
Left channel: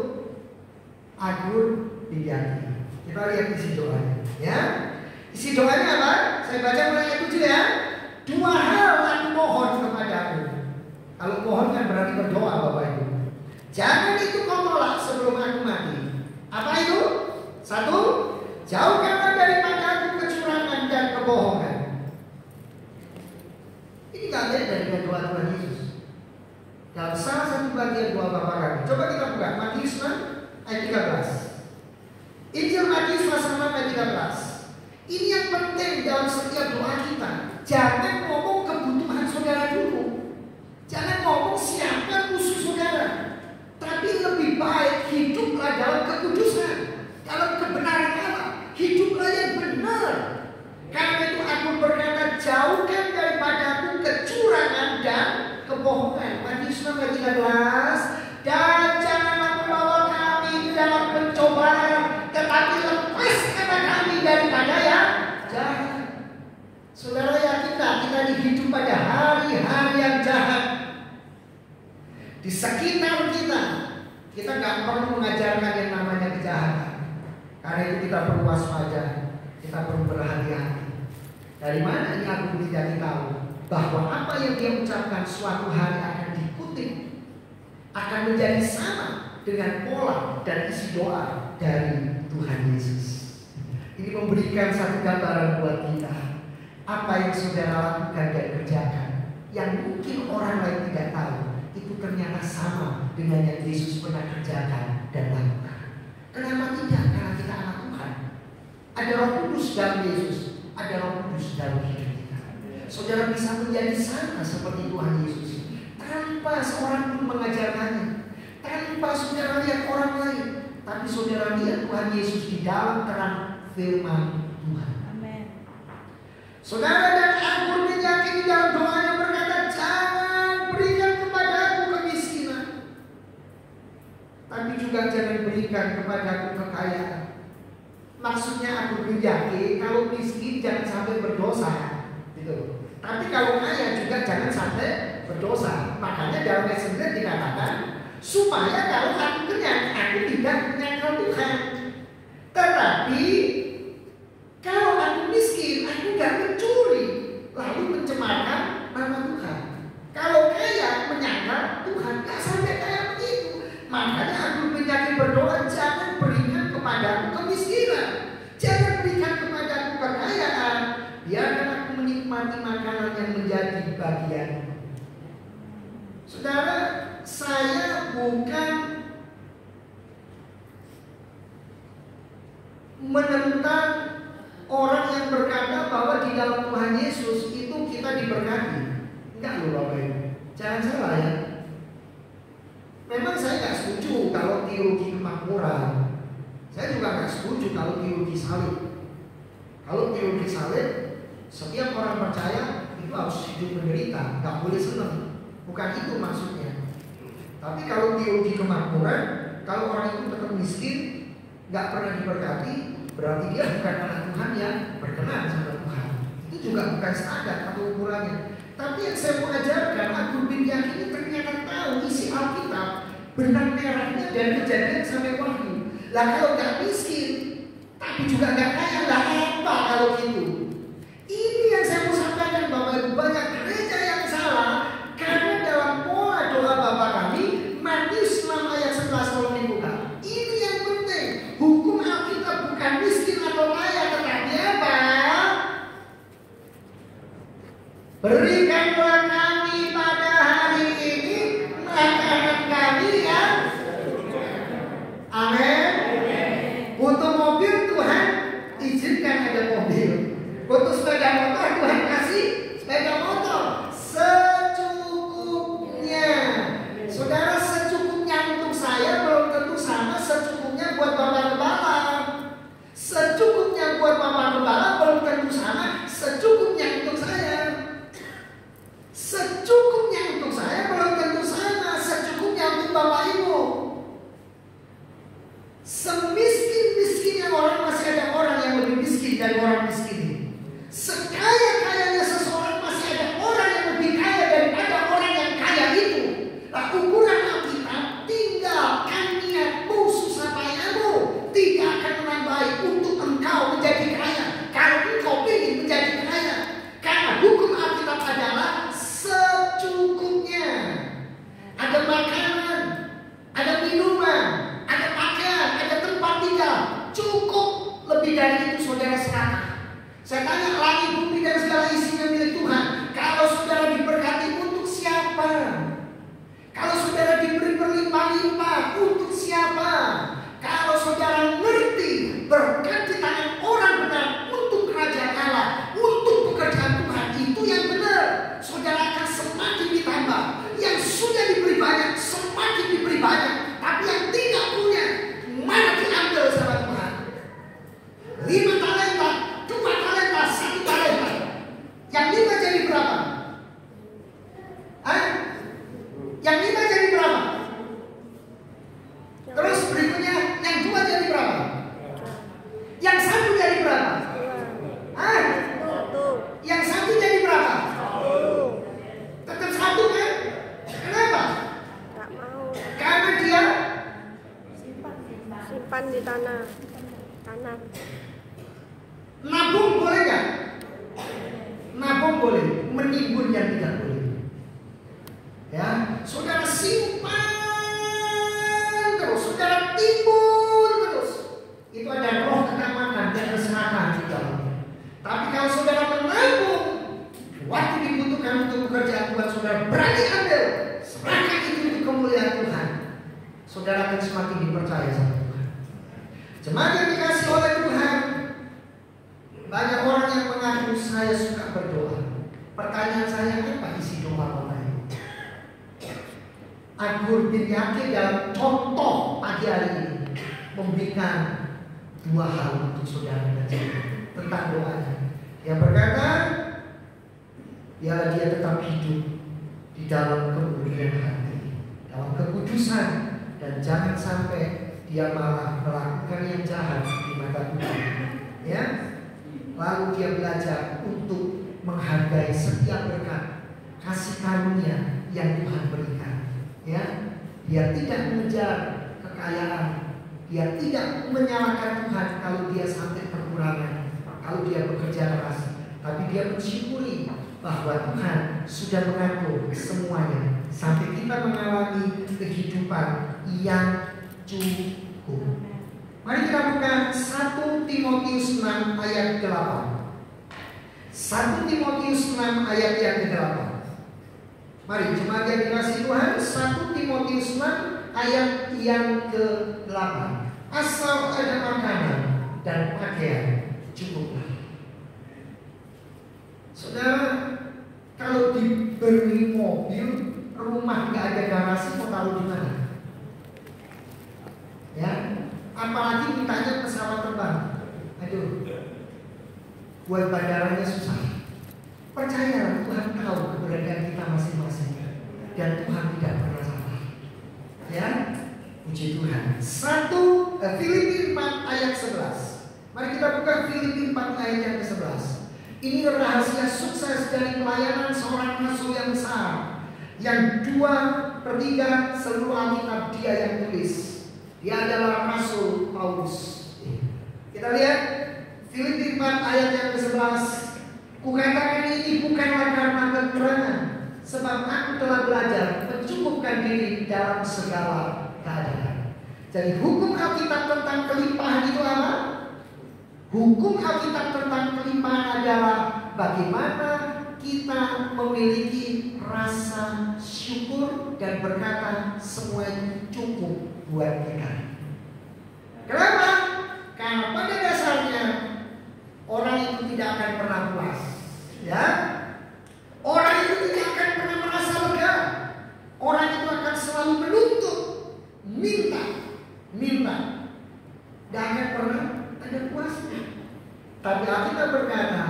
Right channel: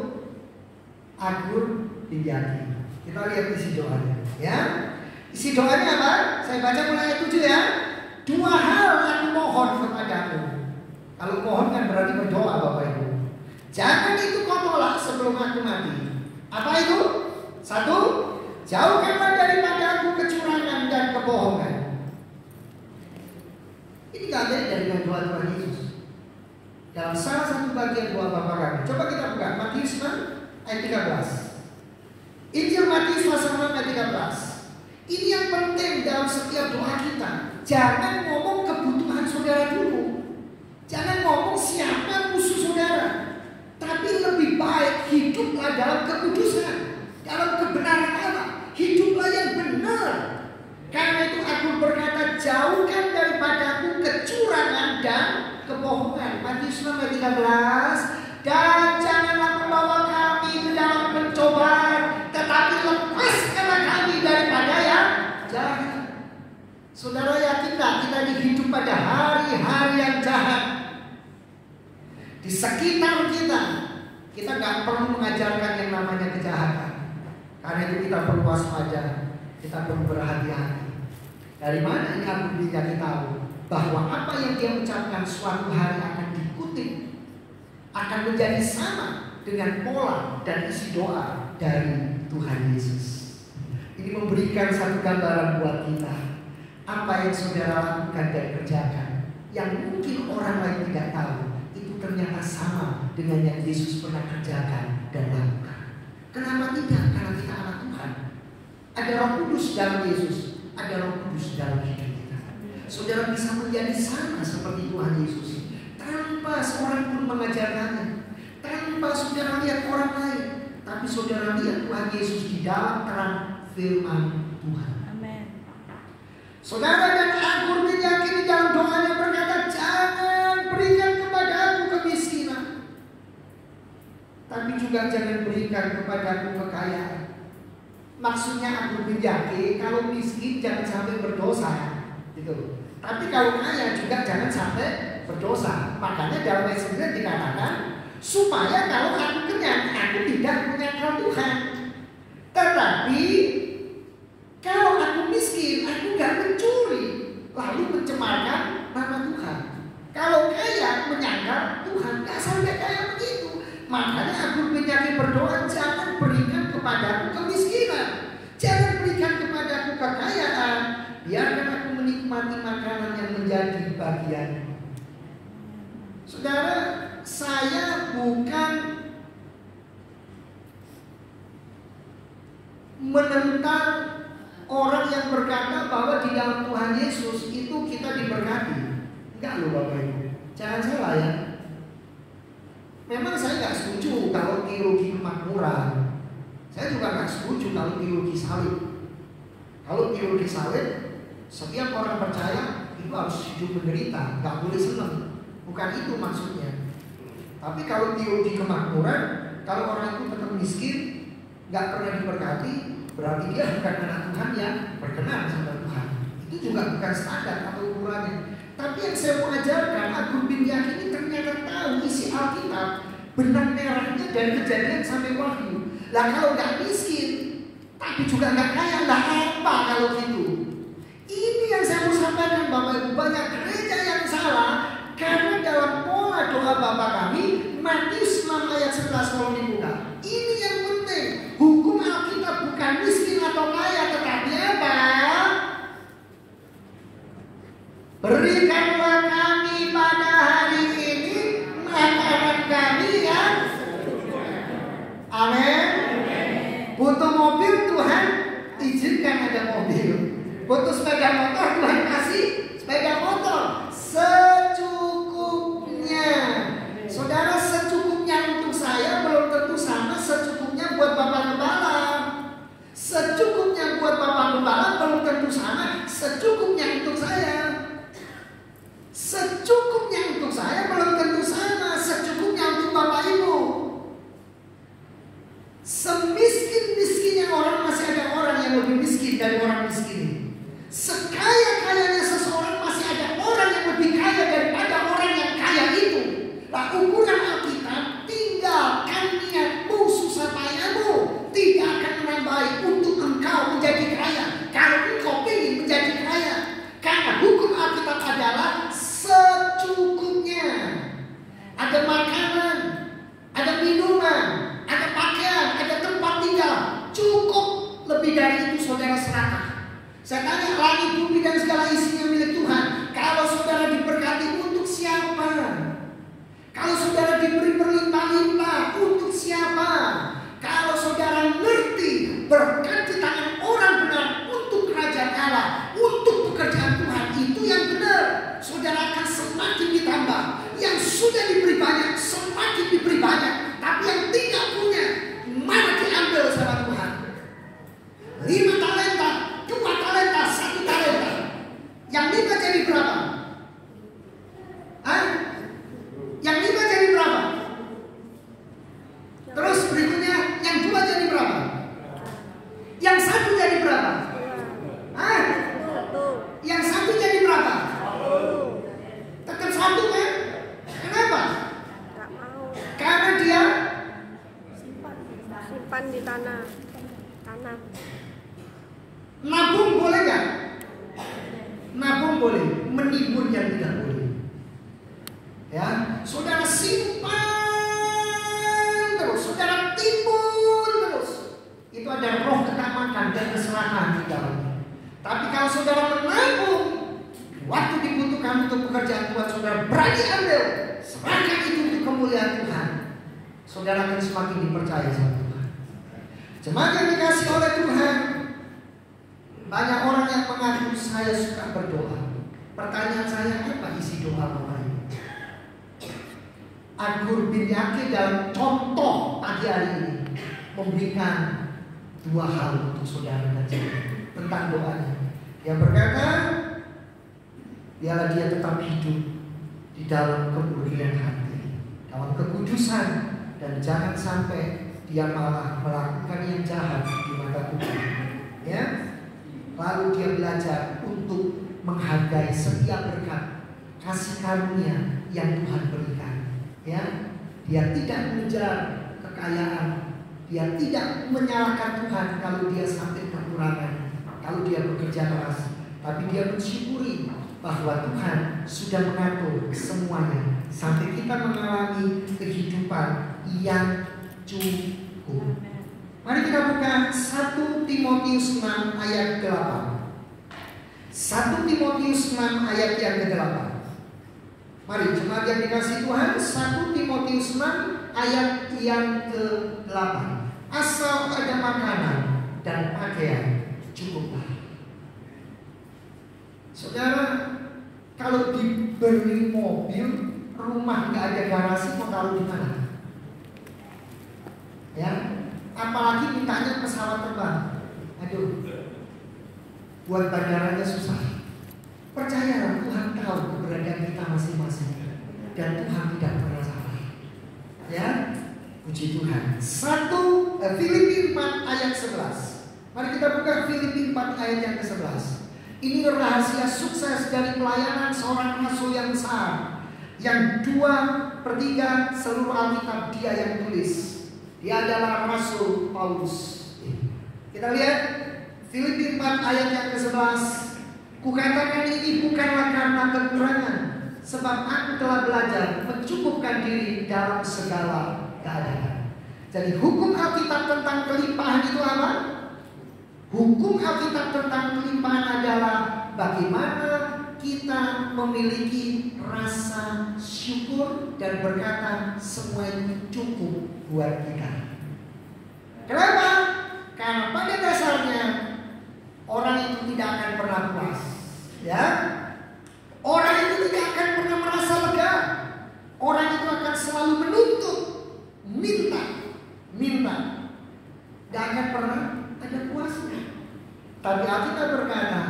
Agur Pinjaki. Kita lihat isi doanya, ya. Isi doanya apa? Saya baca mulai ayat 7 ya. 2 hal aku mohon kepadamu. Kalau mohon kan berarti berdoa, Bapak Ibu. Jangan itu kau tolak sebelum aku mati. Apa itu? 1, jauhkanlah daripada aku kecurangan dan kebohongan. Ini gak beda dengan doa Tuhan Yesus. Dalam salah satu bagian doa Bapa kami. Coba kita buka Matius 6 ayat 13. Injil Matius pasal 6 ayat 13. Ini yang penting dalam setiap doa kita. Jangan ngomong kebutuhan saudara dulu. Jangan ngomong siapa musuh saudara. Tapi lebih baik hiduplah dalam kekudusan, dalam kebenaran Allah. Hiduplah yang benar. Karena itu aku berkata, jauhkan daripadaku kecurangan dan kebohongan. Matius 6 ayat 13. Dan janganlah membawa kami ke dalam pencobaan, tetapi lepaskanlah kami daripada yang jahat. Saudara yakin tak kita hidup pada hari-hari yang jahat? Di sekitar kita nggak perlu mengajarkan yang namanya kejahatan. Karena itu kita perlu waspada, kita perlu berhati-hati. Dari mana ini Agur Pinjaki tahu bahwa apa yang dia ucapkan suatu hari akan dikutip, akan menjadi sama dengan pola dan isi doa dari Tuhan Yesus. Ini memberikan satu gambaran buat kita. Apa yang saudara lakukan dan kerjakan, yang mungkin orang lain tidak tahu, itu ternyata sama dengan yang Yesus pernah kerjakan dan lakukan. Kenapa tidak? Karena kita anak Tuhan. Ada Roh Kudus dalam Yesus, ada Roh Kudus dalam hidup kita. Saudara bisa menjadi sama seperti Tuhan Yesus tanpa seorang pun mengajarkannya, tanpa saudara lihat orang lain, tapi saudara lihat Tuhan Yesus di dalam terang firman Tuhan. Amin. Saudara, dan Agur Pinjaki di dalam doanya berkata, jangan berikan kepada aku kemiskinan, tapi juga jangan berikan kepada aku kekayaan. Maksudnya Agur Pinjaki, kalau miskin jangan sampai berdosa, gitu. Tapi kalau kaya juga jangan sampai berdosa. Makanya dalam ayat 9 dikatakan, supaya kalau aku kenyang, aku tidak menyangkal Tuhan. Tetapi kalau aku miskin, aku gak mencuri, lalu mencemarkan nama Tuhan. Kalau kaya menyangkal Tuhan, gak sampai kayak begitu. Makanya Agur Pinjaki berdoa, jangan berikan kepadaku kemiskinan, jangan berikan kepadaku kekayaan, biarkan aku menikmati makanan yang menjadi bagian. Saudara, saya bukan menentang orang yang berkata bahwa di dalam Tuhan Yesus itu kita diberkati. Enggak loh Bapak Ibu, jangan salah ya. Memang saya nggak setuju kalau teologi kemakmuran. Saya juga nggak setuju kalau teologi salib. Kalau teologi salib, setiap orang percaya itu harus hidup menderita, nggak boleh senang. Bukan itu maksudnya. Tapi kalau teologi kemakmuran, kalau orang itu tetap miskin, nggak pernah diberkati, berarti dia bukan anak Tuhan yang berkenan sama Tuhan. Itu juga bukan standar atau ukurannya. Tapi yang saya mau ajarkan, Agur Pinjaki ini ternyata tahu isi Alkitab, benang merahnya dari Kejadian sampai Wahyu. Lah kalau nggak miskin, tapi juga nggak kaya, lah apa kalau gitu? Ini yang saya mau sampaikan Bapak Ibu, banyak gereja yang salah karena dalam pola doa Bapak kami, Matius 6 ayat 11 kalau dibuka. Ini yang penting, hukum Alkitab bukan miskin atau kaya, tetapi apa? Berikanlah kami pada hari ini makanan kami yang amin. Butuh mobil, Tuhan izinkan ada mobil. Butuh sepeda motor, Tuhan kasih sepeda motor secukupnya. Saudara, secukupnya untuk saya belum tentu sama secukupnya buat Bapak Gembala. Secukupnya buat Bapak Gembala belum tentu sama secukupnya untuk saya. Secukupnya untuk saya belum tentu sama secukupnya untuk Bapak Ibu. Semiskin-miskinnya orang, masih ada orang yang lebih miskin dari orang miskin ini. Sekaya-kaya bertambah. Yang sudah diberi banyak semakin diberi banyak. Tapi yang tidak punya malah diambil sama Tuhan. 5 talenta, 2 talenta, 1 talenta. Yang 5 jadi berapa? Yang 5 jadi berapa? Terus berikutnya yang 2 jadi berapa? Yang 1 jadi berapa? Yang 1 jadi berapa? Tetap 1 kan? Kenapa? Tak mau. Karena dia Simpan di tanam. nabung boleh nggak? Nabung boleh, menibur yang tidak boleh. Ya, saudara simpan terus, saudara timbun terus. Itu ada roh ketamakan dan kesenangan di dalamnya. Tapi kalau saudara menabung, waktu dibutuhkan untuk pekerjaan Tuhan, saudara berani ambil, serahkan itu untuk kemuliaan Tuhan. Saudara akan semakin dipercaya sama Tuhan. Jemaat yang dikasih oleh Tuhan, banyak orang yang mengaku saya suka berdoa. Pertanyaan saya, apa isi doa Bapak Ibu? Agur bin Yakin dalam contoh pagi hari ini memberikan 2 hal untuk saudara dan saya tentang doanya. Yang berkata, biarlah dia tetap hidup di dalam kemurnian hati, dalam kekudusan, dan jangan sampai dia malah melakukan yang jahat di mata Tuhan. Ya, lalu dia belajar untuk menghargai setiap berkat kasih karunia yang Tuhan berikan. Ya, dia tidak mengejar kekayaan, dia tidak menyalahkan Tuhan kalau dia sampai kekurangan, kalau dia bekerja keras, tapi dia mensyukuri bahwa Tuhan sudah mengatur semuanya sampai kita mengalami kehidupan yang cukup. Mari kita buka 1 Timotius 6 ayat ke-8. 1 Timotius 6 ayat yang ke-8. Mari jemaat yang dikasih Tuhan, 1 Timotius 6 ayat yang ke-8. Asal ada makanan dan pakaian cukuplah. Saudara, kalau diberi mobil, rumah nggak ada garasi, mau taruh di mana? Ya, apalagi mintanya pesawat terbang. Aduh, buat bandaranya susah. Percayalah, Tuhan tahu keberadaan kita masing-masing, dan Tuhan tidak pernah salah. Ya, puji Tuhan. Filipi 4 ayat 11. Mari kita buka Filipi 4 ayat yang ke-11. Ini rahasia sukses dari pelayanan seorang rasul yang besar, yang 2/3 seluruh Alkitab dia yang tulis. Dia adalah Rasul Paulus. Kita lihat Filipi 4 ayat yang ke-11. Kukatakan ini bukanlah karena kekurangan, sebab aku telah belajar mencukupkan diri dalam segala keadaan. Jadi hukum Alkitab tentang kelimpahan itu apa? Hukum Alkitab tentang kelimpahan adalah bagaimana kita memiliki rasa syukur dan berkata semua itu cukup buat kita. Kenapa? Karena pada dasarnya orang itu tidak akan pernah puas. Ya, orang itu tidak akan pernah merasa lega. Orang itu akan selalu menuntut, minta. Tidak akan pernah ada puasnya. Tapi Alkitab berkata,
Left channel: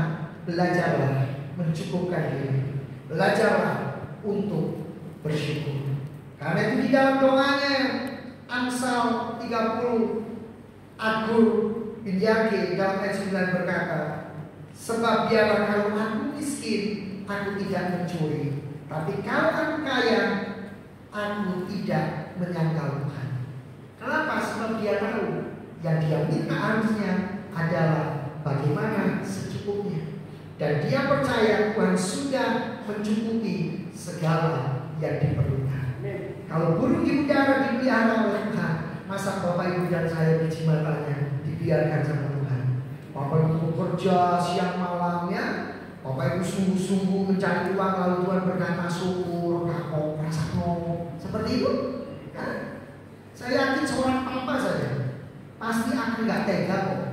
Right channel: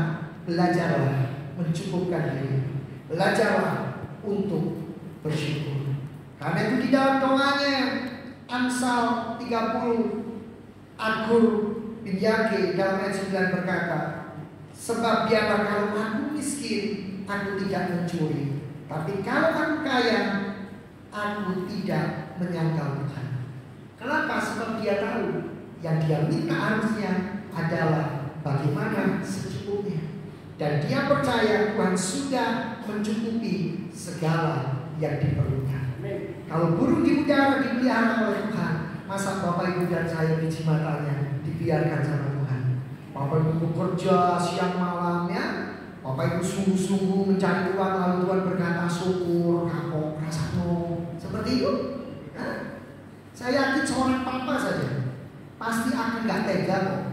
belajarlah mencukupkan diri, belajarlah untuk bersyukur. Karena itu di dalam doanya Amsal 30, Agur bin Yakin dalam ayat 9 berkata, sebab biarlah kalau aku miskin, aku tidak mencuri, tapi kalau aku kaya, aku tidak menyangkal Tuhan. Kenapa? Sebab dia tahu yang dia minta harusnya adalah bagaimana secukupnya. Dan dia percaya Tuhan sudah mencukupi segala yang diperlukan. Kalau burung di udara dipelihara oleh Tuhan, masa Bapak Ibu dan saya di jimatannya dibiarkan sama Tuhan? Bapak Ibu bekerja siang malamnya, Bapak Ibu sungguh-sungguh mencari uang, lalu Tuhan berkata syukur, kapok, rasa ngomong seperti itu. Nah, saya yakin seorang papa saja pasti akan nggak tega kok.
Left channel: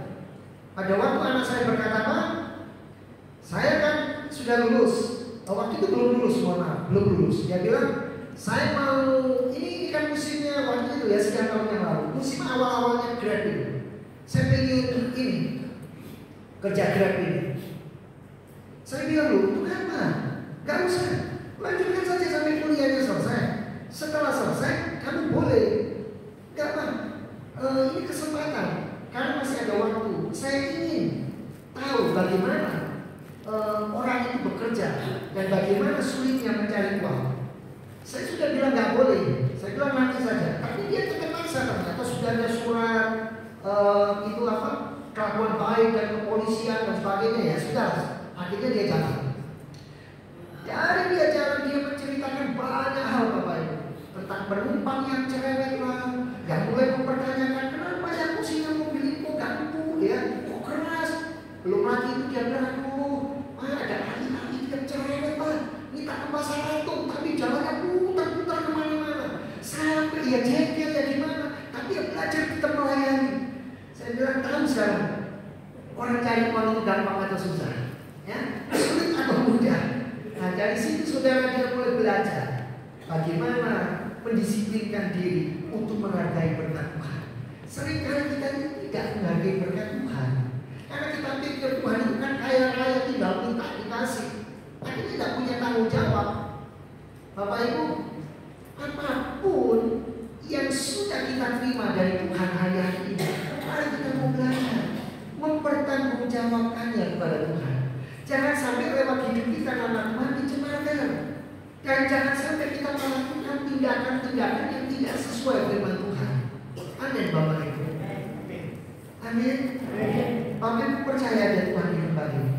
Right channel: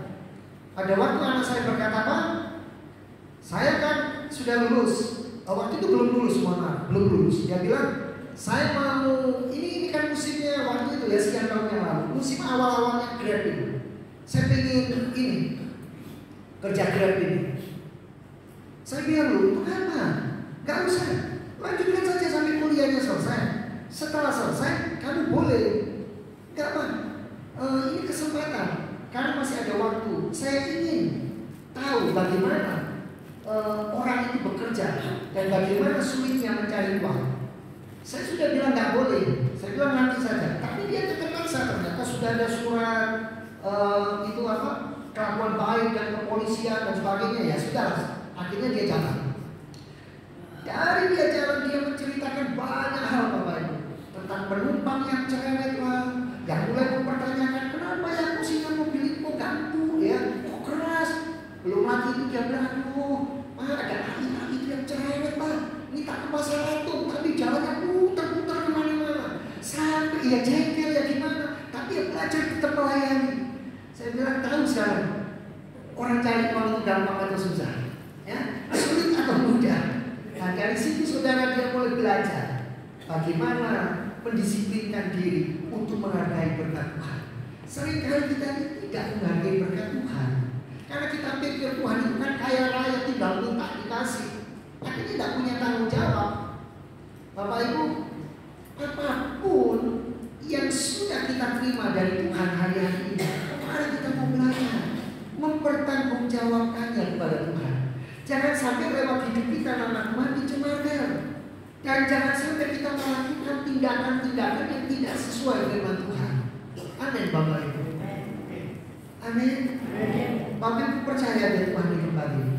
Pada waktu anak saya berkata, Pak, saya kan sudah lulus. Waktu itu belum lulus, mohon maaf. belum lulus. Dia bilang, saya mau ini kan musimnya waktu itu ya, sekian tahun yang lalu, musim awal-awalnya Grab ini. Saya pengen ini kerja Grab ini. Saya bilang, loh, untuk apa? Gak usah, lanjutkan saja sampai kuliahnya selesai. Setelah selesai, kamu boleh. Gak apa, ini kesempatan, karena masih ada waktu. Saya ingin tahu bagaimana orang itu bekerja dan bagaimana sulitnya mencari uang. Saya sudah bilang gak boleh, saya bilang nanti saja. Tapi dia tetap paksa, ternyata sudah ada surat itu apa, kelakuan baik dan kepolisian dan sebagainya, ya sudah. Akhirnya dia jalan. Dari dia jalan, dia menceritakan banyak hal Bapak Ibu, tentang penumpang yang cerewet lah, yang mulai mempertanyakan kenapa ya kursinya mobil ini kok ganggu ya, kok keras. Belum lagi itu dia bilang, ada ahli-ahli yang cerewet lah, ini tak ke pasar Ratu, tapi jalannya putar-putar kemana-mana, sampai ya jengkel ya gimana, tapi ya belajar tetap melayani. Saya bilang, tahu sekarang orang cari uang itu gampang atau susah, ya, sulit atau mudah. Nah dari situ saudara dia mulai belajar bagaimana mendisiplinkan diri untuk menghargai berkat Tuhan. Seringkali kita tidak menghargai berkat Tuhan karena kita pikir Tuhan itu kan kaya raya, tinggal minta dikasih. Akhirnya tidak punya tanggung jawab. Bapak Ibu, apapun yang sudah kita terima dari Tuhan hari ini, mari kita mau belajar mempertanggungjawabkannya kepada Tuhan. Jangan sampai lewat hidup kita nama Tuhan dicemarkan, dan jangan sampai kita melakukan tindakan-tindakan yang tidak sesuai dengan Tuhan. Amin Bapak Ibu. Amin. Bapak Ibu percaya dengan Tuhan di tempat ini.